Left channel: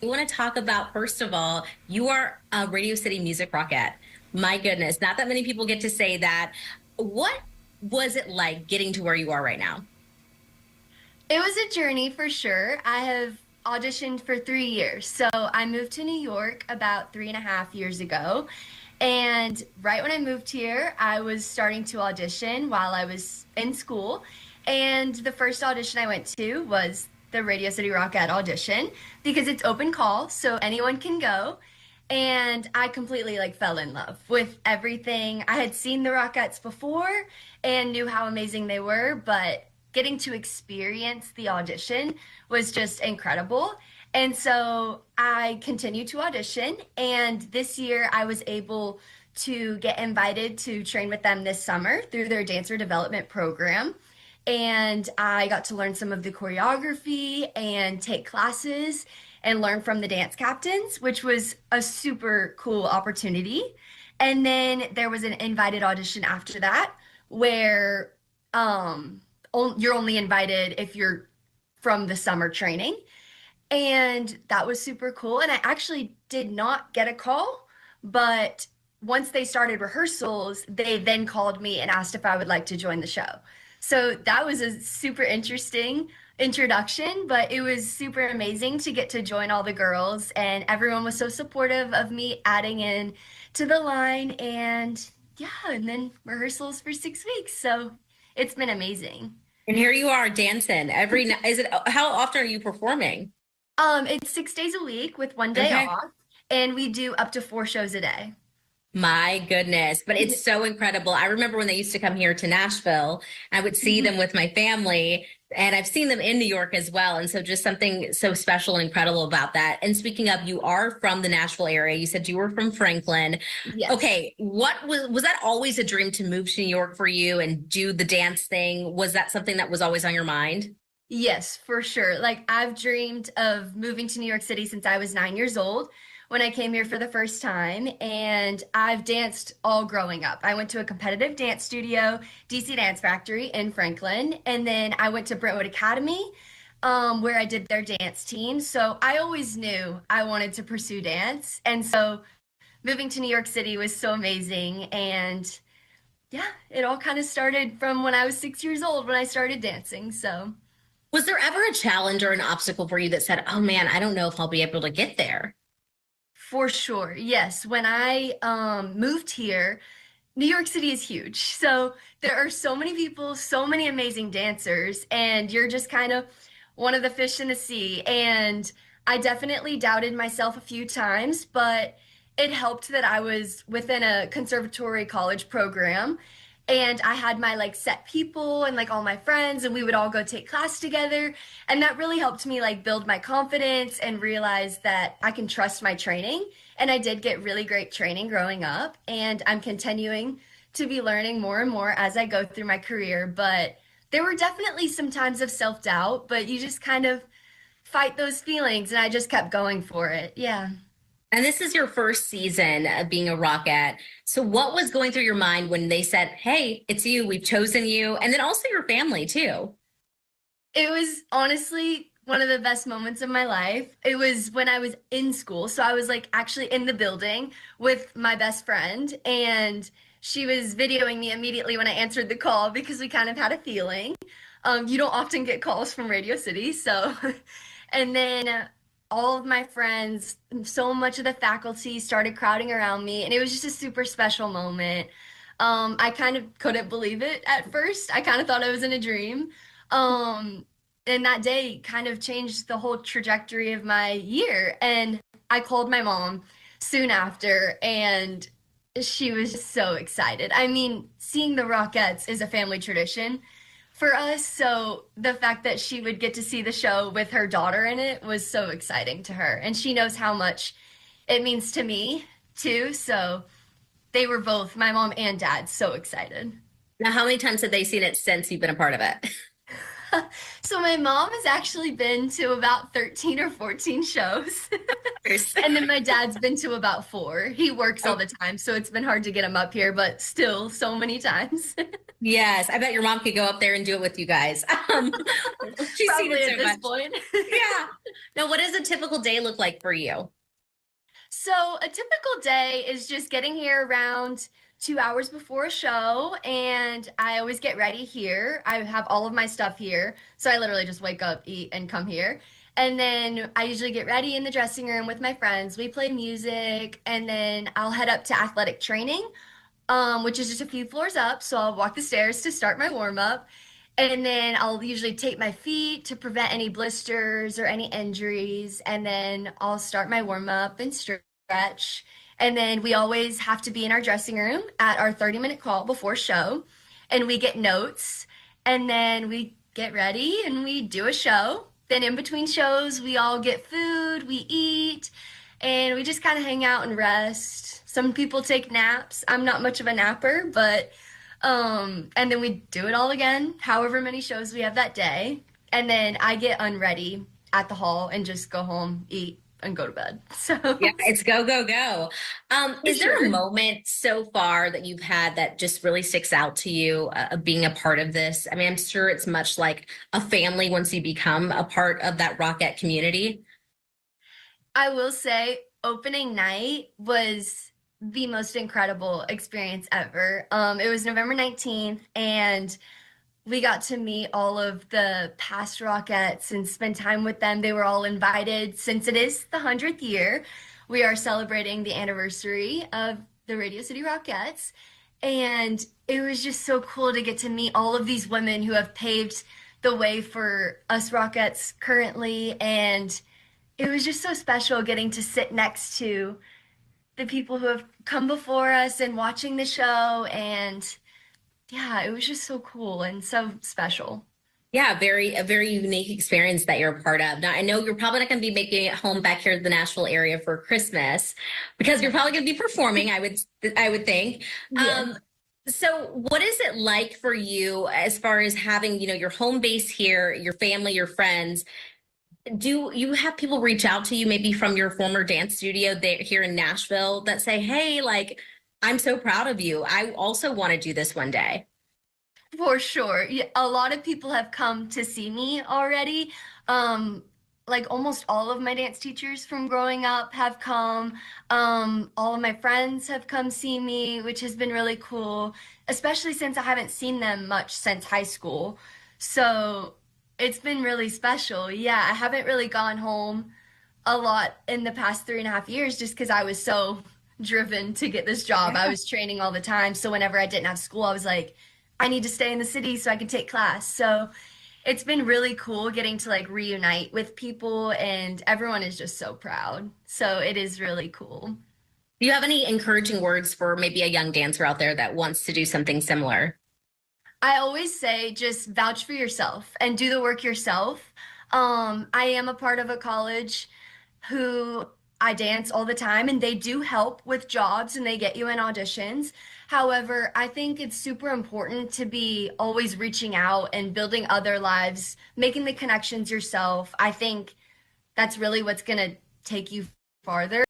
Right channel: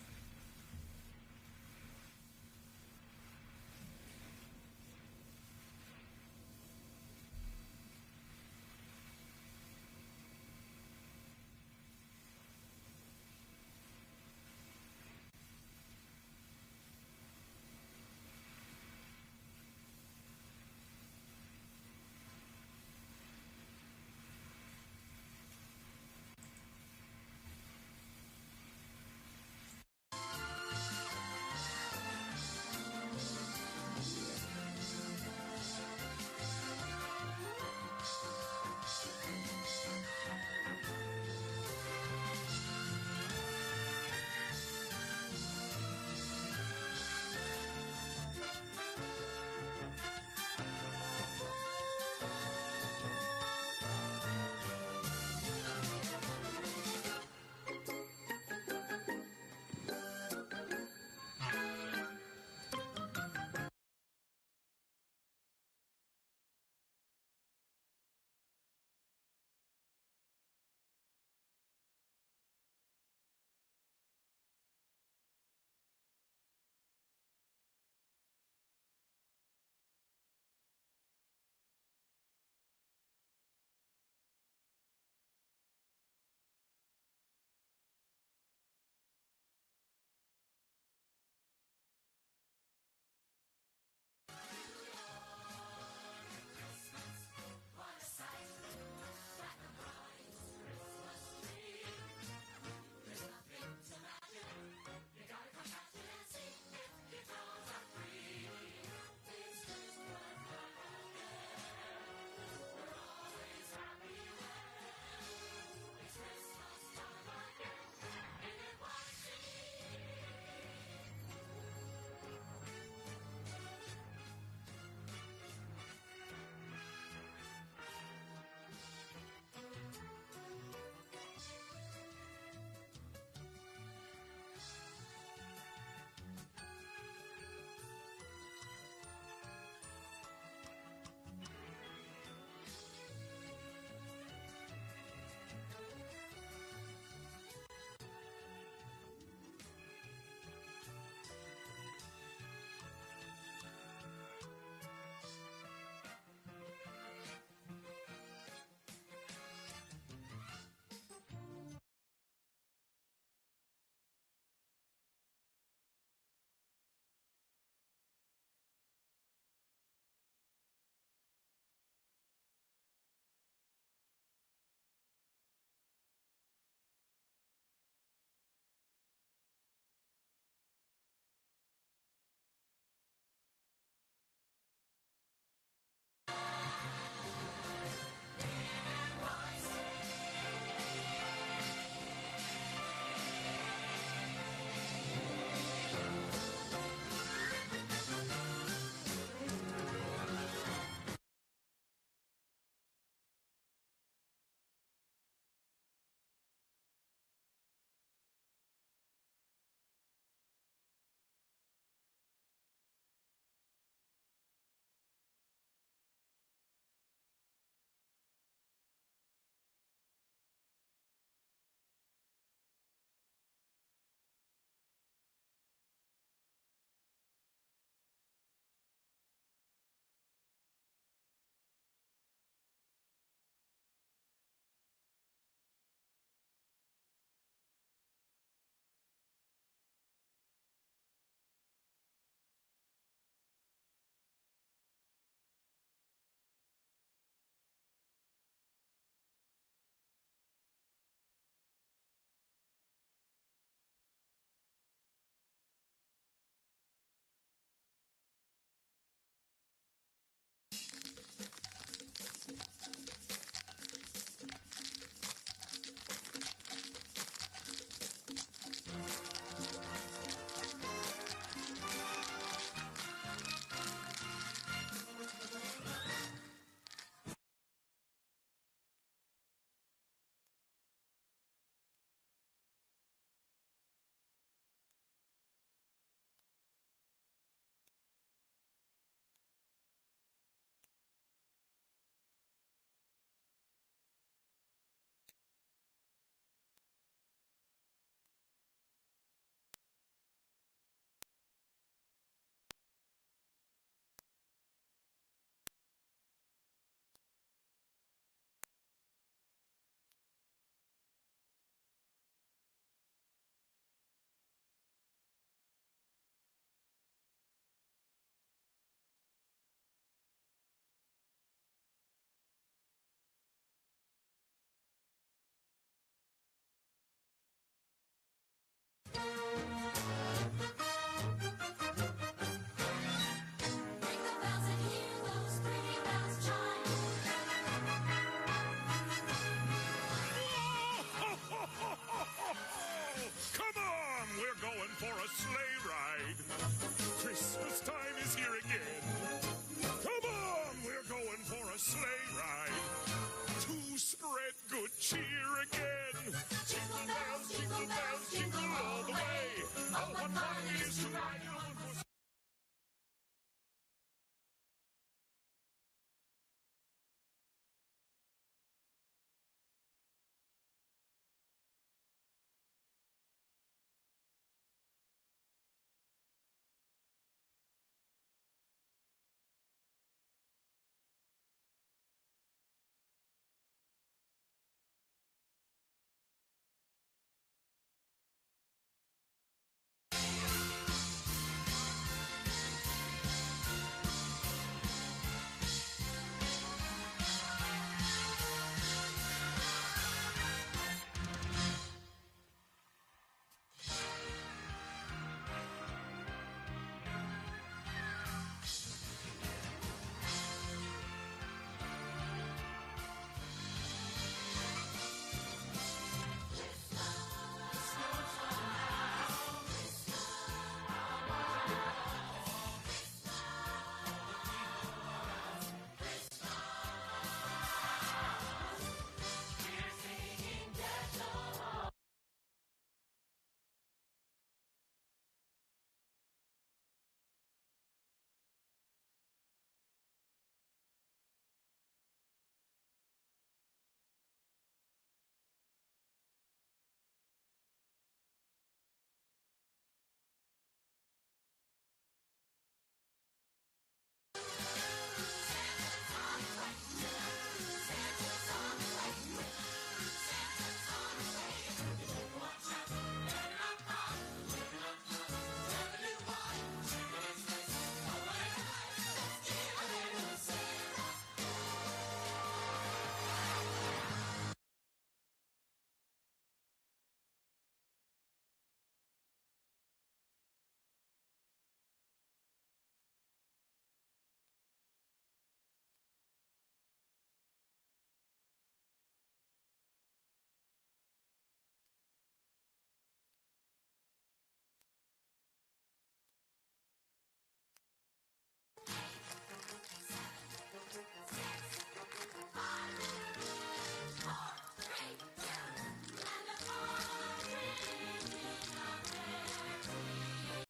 We want to talk about, first of all, you are a Radio City Music Rockette. My goodness, not that many people get to say that. What was it like getting to where you are right now? It was a journey for sure. I have auditioned for 3 years. So I moved to New York about 3.5 years ago. And right when I moved here, I was starting to audition while I was in school. And the first audition I went to was the Radio City Rockette audition because it's open call, so anyone can go. And I completely fell in love with everything. I had seen the Rockettes before and knew how amazing they were, but getting to experience the audition was just incredible. And so I continued to audition, and this year I was able to get invited to train with them this summer through their dancer development program. And I got to learn some of the choreography and take classes and learn from the dance captains, which was a super cool opportunity. And then there was an invited audition after that where you're only invited if you're from the summer training. And that was super cool. And I actually did not get a call, but once they started rehearsals, they then called me and asked if I would like to join the show. So that was a super interesting introduction, but it was super amazing to get to join all the girls, and everyone was so supportive of me adding in to the line. And yeah, and then rehearsals for 6 weeks. So it's been amazing. And here you are dancing every night. Is it, how often are you performing? It's 6 days a week with one day Okay. off, and we do up to 4 shows a day. My goodness, but it's so incredible. I remember when they used to come here to Nashville, I would see them with my family, and I've seen them in New York as well. And so just something so special and incredible about that. And speaking of, you are from the Nashville area. You said you were from Franklin. Yes. Okay, what was that always a dream to move to New York for you and do the dance thing? Was that something that was always on your mind? Yes, for sure. I've dreamed of moving to New York City since I was 9 years old when I came here for the first time, and I've danced all growing up. I went to a competitive dance studio, DC Dance Factory in Franklin, and then I went to Brentwood Academy, where I did their dance team. So I always knew I wanted to pursue dance, and so moving to New York City was so amazing. And yeah, it all kind of started from when I was 6 years old when I started dancing. So. Was there ever a challenge or an obstacle for you that said, oh man, I don't know if I'll be able to get there? For sure, yes. When I moved here, New York City is huge. So there are so many people, so many amazing dancers, and you're just kind of one of the fish in the sea. And I definitely doubted myself a few times, but it helped that I was within a conservatory college program, and I had my set people and all my friends, and we would all go take class together. And that really helped me build my confidence and realize that I can trust my training. And I did get really great training growing up, and I'm continuing to be learning more and more as I go through my career. But there were definitely some times of self-doubt, but you just kind of fight those feelings, and I just kept going for it. Yeah. And this is your first season of being a Rockette. So what was going through your mind when they said, hey, it's you, we've chosen you, and then also your family too? It was honestly one of the best moments of my life. It was when I was in school. So I was actually in the building with my best friend, and she was videoing me immediately when I answered the call because we kind of had a feeling. You don't often get calls from Radio City. So, and then all of my friends, so much of the faculty started crowding around me, and it was just a super special moment. I kind of couldn't believe it at first. I kind of thought I was in a dream. Um, and that day kind of changed the whole trajectory of my year. And I called my mom soon after, and she was just so excited. I mean, seeing the Rockettes is a family tradition for us. So the fact that she would get to see the show with her daughter in it was so exciting to her. And she knows how much it means to me, too. So they were both, my mom and dad, so excited. Now, how many times have they seen it since you've been a part of it? So my mom has actually been to about 13 or 14 shows. And then my dad's been to about four. He works all the time, so it's been hard to get him up here, but still so many times. Yes, I bet your mom could go up there and do it with you guys. Um, she's seen Probably it at so this much. point. Yeah. Now, what does a typical day look like for you? So a typical day is just getting here around 2 hours before a show, and I always get ready here. I have all of my stuff here, so I literally just wake up, eat, and come here. And then I usually get ready in the dressing room with my friends. We play music, and then I'll head up to athletic training, which is just a few floors up. So I'll walk the stairs to start my warm up. And then I'll usually tape my feet to prevent any blisters or any injuries. And then I'll start my warm up and stretch. And then we always have to be in our dressing room at our 30-minute call before show. And we get notes. And then we get ready and we do a show. Then in between shows, we all get food, we eat, and we just kind of hang out and rest. Some people take naps. I'm not much of a napper, but and then we do it all again, however many shows we have that day. And then I get unready at the hall and just go home, eat, and go to bed. So Yeah, it's go, go, go. for Is there a sure. moment so far that you've had that just really sticks out to you, being a part of this? I mean, I'm sure it's much like a family once you become a part of that Rockette community. I will say opening night was the most incredible experience ever. It was November 19th, and we got to meet all of the past Rockettes and spend time with them. They were all invited since it is the 100th year. We are celebrating the anniversary of the Radio City Rockettes. And it was just so cool to get to meet all of these women who have paved the way for us Rockettes currently. And it was just so special getting to sit next to the people who have come before us and watching the show. And yeah, it was just so cool and so special. Yeah, a very unique experience that you're a part of. Now, I know you're probably not going to be making it home back here to the Nashville area for Christmas because you're probably going to be performing. I would think. Yeah. So, what is it like for you as far as having your home base here, your family, your friends? Do you have people reach out to you maybe from your former dance studio there here in Nashville that say, "Hey, like I'm so proud of you. I also want to do this one day." For sure. Yeah, a lot of people have come to see me already. Like almost all of my dance teachers from growing up have come. All of my friends have come see me, which has been really cool, especially since I haven't seen them much since high school. So it's been really special. Yeah, I haven't really gone home a lot in the past 3.5 years just because I was so driven to get this job. I was training all the time. So whenever I didn't have school, I was like, I need to stay in the city so I can take class. So it's been really cool getting to like reunite with people, and everyone is just so proud. So it is really cool. Do you have any encouraging words for maybe a young dancer out there that wants to do something similar? I always say just vouch for yourself and do the work yourself. I am a part of a college who I dance all the time, and they do help with jobs and they get you in auditions. However, I think it's super important to be always reaching out and building other lives, making the connections yourself. I think that's really what's going to take you farther.